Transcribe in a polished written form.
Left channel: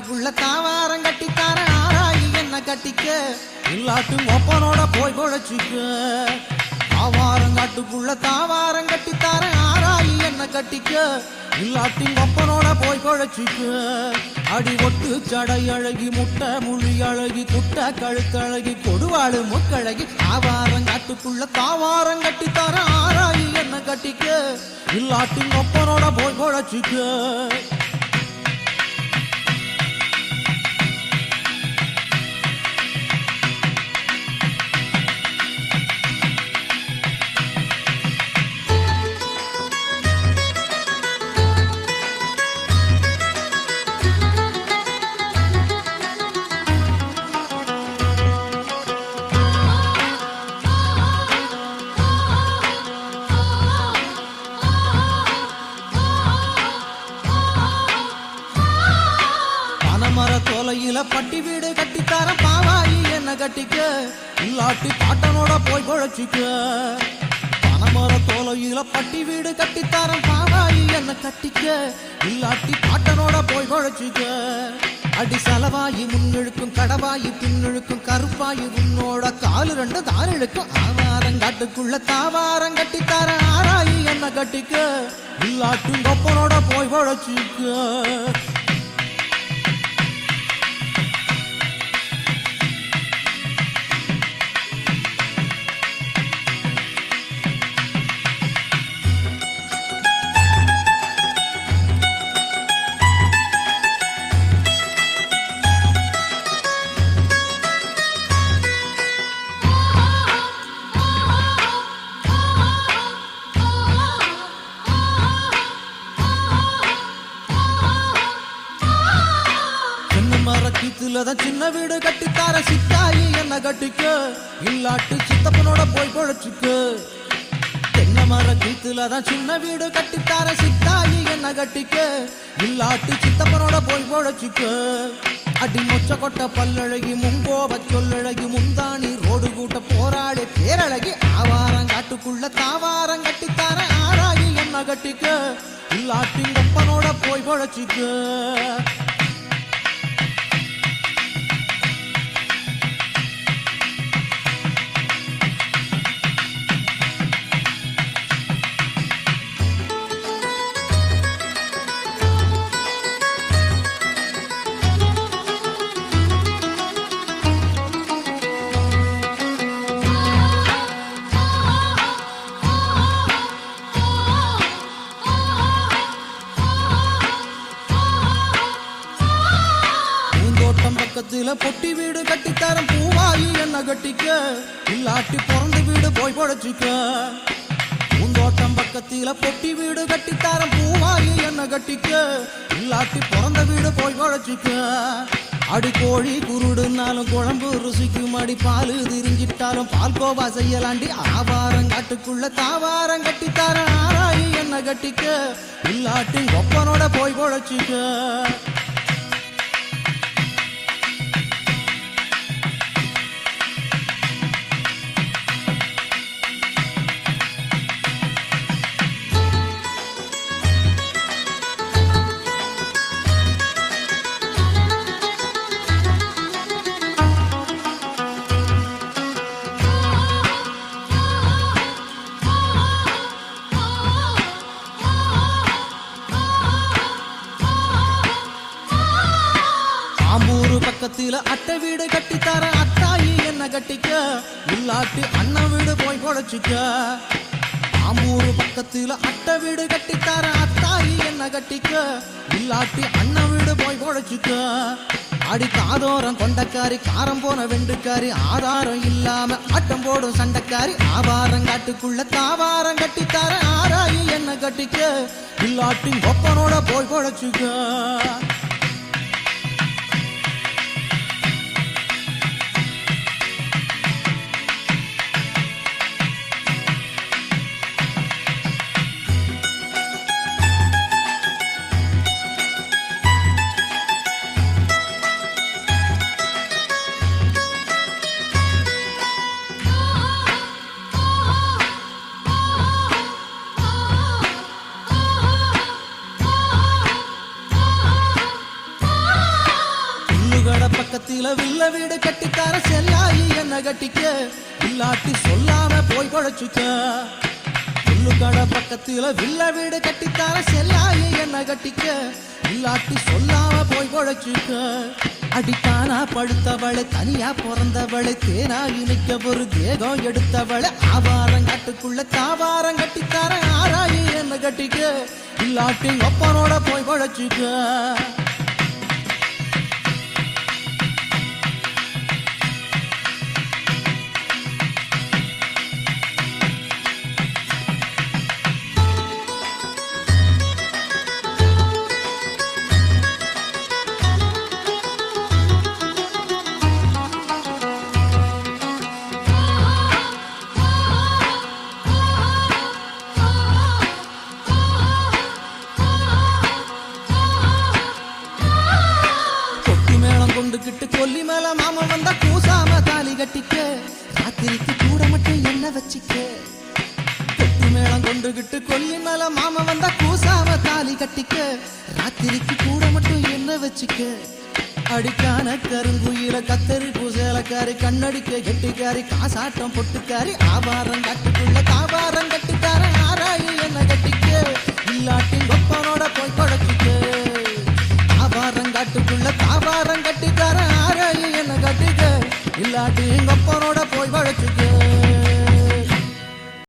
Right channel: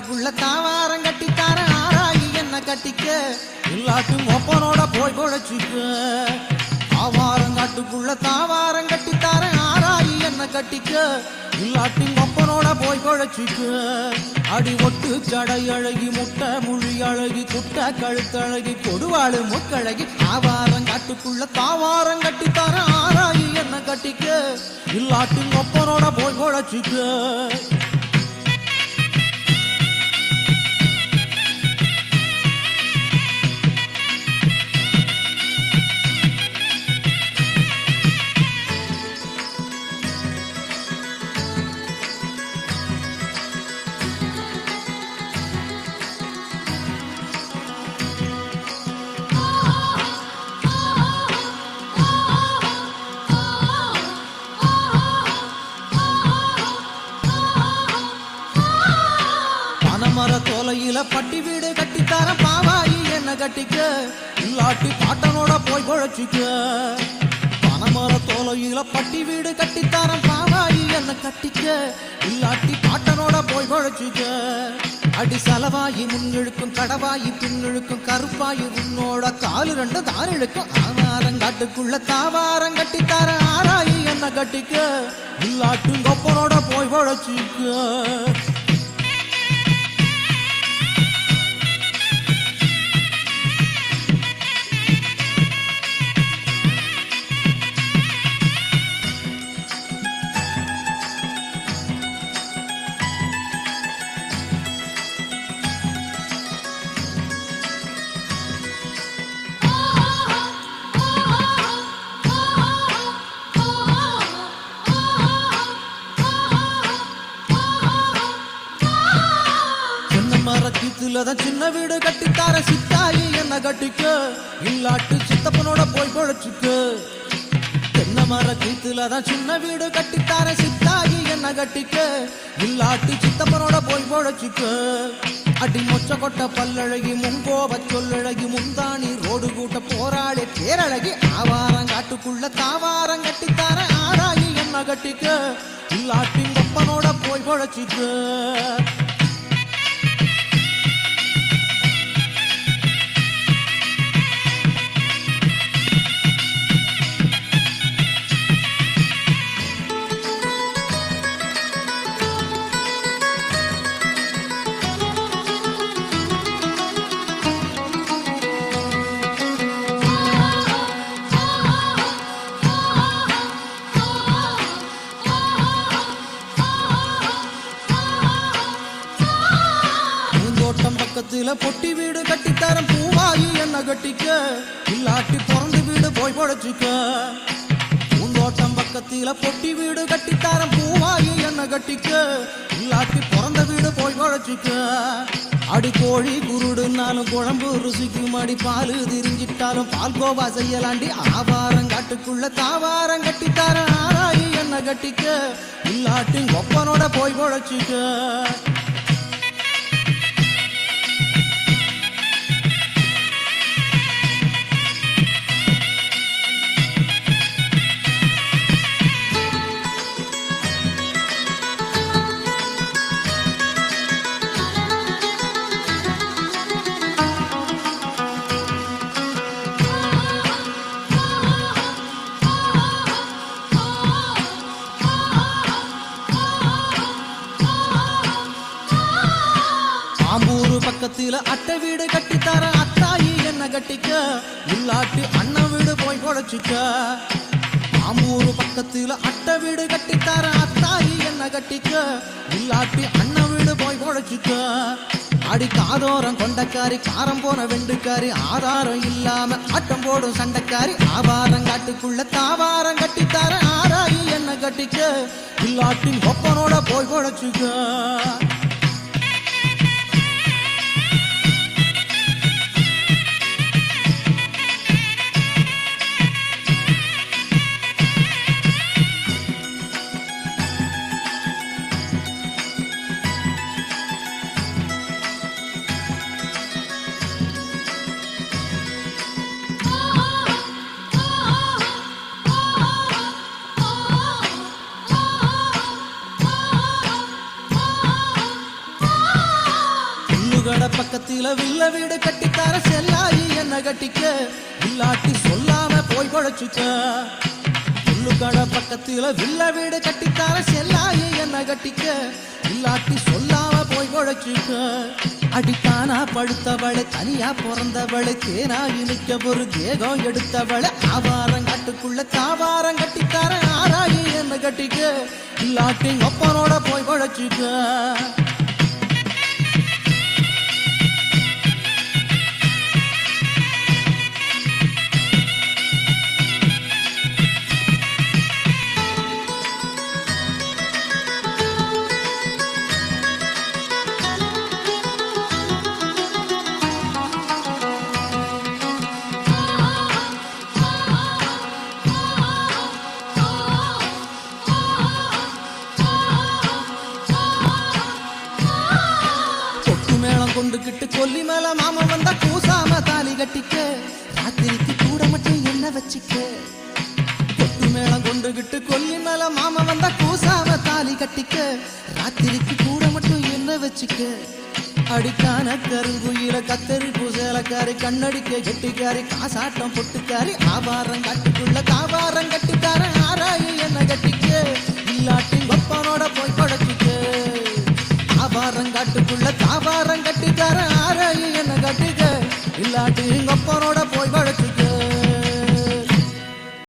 காட்டுக்குள்ள தாவாரம் கட்டித்தார ஆராயி என்ன கட்டிக்க இல்லாட்டும் ஒப்பனோட போய் பொழைச்சிக்க ஆவாரங்காட்டுக்குள்ள தாவாரம் கட்டித்தார ஆராயி என்ன கட்டிக்க இல்லாட்டும் ஒப்பனோட போய் பொழைச்சிக்க அடி ஒட்டு சடை அழகி முட்டை முழி அழகி குட்ட கழுத்தழகி கொடுவாடு முக்கழகி ஆவாரங்காட்டுக்குள்ள தாவாரம் கட்டித்தார ஆராயி என்ன கட்டிக்க இல்லாட்டும் ஒப்பனோட போய் பொழைச்சிக்க மர தோலையில பட்டி வீடு கட்டித்தார பாவாயி என்ன கட்டிக்க இல்லாட்டி பாட்டனோட போய் பொழைச்சிக்க பனமர தோலையில பட்டி வீடு கட்டித்தார பாவாயி என்ன கட்டிக்க இல்லாட்டி பாட்டனோட போய் பொழைச்சிக்க அடி செலவாயி முன்னிழுக்கும் கடவாயி பின்னிழுக்கும் கருப்பாயி உன்னோட காலு ரெண்டு தான் இழுக்கும் ஆவாரங்காட்டுக்குள்ள தாவாரம் கட்டித்தார ஆராயி என்ன கட்டிக்க இல்லாட்டும் கொப்பனோட போய் பொழைச்சிக்க மரக்கீத்துலதான் சின்ன வீடு கட்டித்தார சித்தாயி என்ன கட்டிக்க இல்லாட்டு சித்தப்பனோட போய் பொழைச்சிக்க தென்னை மரக்கீத்துலதான் சின்ன வீடு கட்டித்தார சித்தாயி என்ன கட்டிக்க இல்லாட்டு சித்தப்பனோட போய் பொழைச்சிக்க அடி மொச்ச கொட்ட பல்லழகி முங்கோப சொல்லழகி முந்தாணி ரோடு கூட்ட போராளி பேரழகி ஆவாரங்காட்டுக்குள்ள தாவாரம் கட்டித்தார ஆராயி என்ன கட்டிக்க இல்லாட்டி கொப்பனோட போய் பொழைச்சிக்க தோட்டம் பக்கத்துல பொட்டி வீடு கட்டித்தாரம் பூவாயி என்ன கட்டிக்க இல்லாட்டி பிறந்த வீடு போய் பொழைச்சிக்க பூந்தோட்டம் பக்கத்துல பொட்டி வீடு கட்டித்தாரம் பூவாயி என்ன கட்டிக்க இல்லாட்டி பிறந்த வீடு போய் பொழைச்சிக்க அடி கோழி குருடுனாலும் குழம்பு ருசிக்கும் அடி பாலு திரிஞ்சிட்டாலும் பால் கோவா செய்யலாண்டி ஆவாரங்காட்டுக்குள்ள தாவாரம் கட்டித்தார ஆராயி என்ன கட்டிக்க இல்லாட்டி ஒப்பனோட போய் பொழைச்சிக்க ஆம்பூரு பக்கத்துல அட்டை வீடு கட்டித்தார அத்தாயி என்ன கட்டிக்க இல்லாட்டி அண்ணன் வீடு போய் பொழைச்சிக்க ஆம்பூரு பக்கத்துல அட்டை வீடு கட்டித்தார அத்தாயி என்ன கட்டிக்க இல்லாட்டி அண்ணன் வீடு போய் பொழைச்சிக்க அடி காதோரம் கொண்டக்காரி காரம் போன வெண்டுக்காரி ஆதாரம் இல்லாம ஆட்டம் போடும் சண்டைக்காரி ஆவாரங்காட்டுக்குள்ள தாவாரம் கட்டித்தார ஆராயி என்ன கட்டிக்க இல்லாட்டி ஒப்பனோட போய் பொழைச்சிக்க புல்லுகட பக்கத்தில வில்ல வீடு கட்டித்தார செல்லாயி என்ன கட்டிக்க இல்லாட்டி சொல்லாம போய் குழைச்சுக்க புல்லுகட பக்கத்தில வில்ல வீடு கட்டித்தார செல்லாயி என்ன கட்டிக்க இல்லாட்டி சொல்லாம போய் குழைச்சுக்க அடித்தானா படுத்தவளை தனியா பிறந்தவளை தேனா இனிக்க ஒரு தேகம் எடுத்தவளை ஆவாரங்காட்டுக்குள்ள காவாரம் கட்டித்தார ஆராயி என்ன கட்டிக்க இல்லாட்டி ஒப்பனோட போய் குழைச்சுக்க மேளம் கொண்டுகிட்டு கொல்லி மேல மாமா வந்தா கூசாம தாலி கட்டிக்க ராத்திரிக்கு கூட மட்டும் என்ன வச்சிக்க கொட்டு மேளம் கொண்டுகிட்டு கொல்லி மேல மாமா வந்தா கூசாம தாலி கட்டிக்க ராத்திரிக்கு கூட மட்டும் என்ன வச்சிக்க அடிக்கான கருங்குயில கத்தரி பூசேலக்காரி கண்ணடிக்க கெட்டிக்காரி காசாட்டம் பொட்டுக்காரி ஆபாரம் காட்டுக்குள்ள காபாரம் கட்டிக்கார ஆராயி என்ன கட்டிக்க இல்லாட்டி கொப்பனோட போய் குழைச்சிக்க காட்டுக்குள்ள காபாரம் கட்டிக்கார ஆராயி என்ன கட்டிக்க இல்லாட்டி கொப்பனோட போய்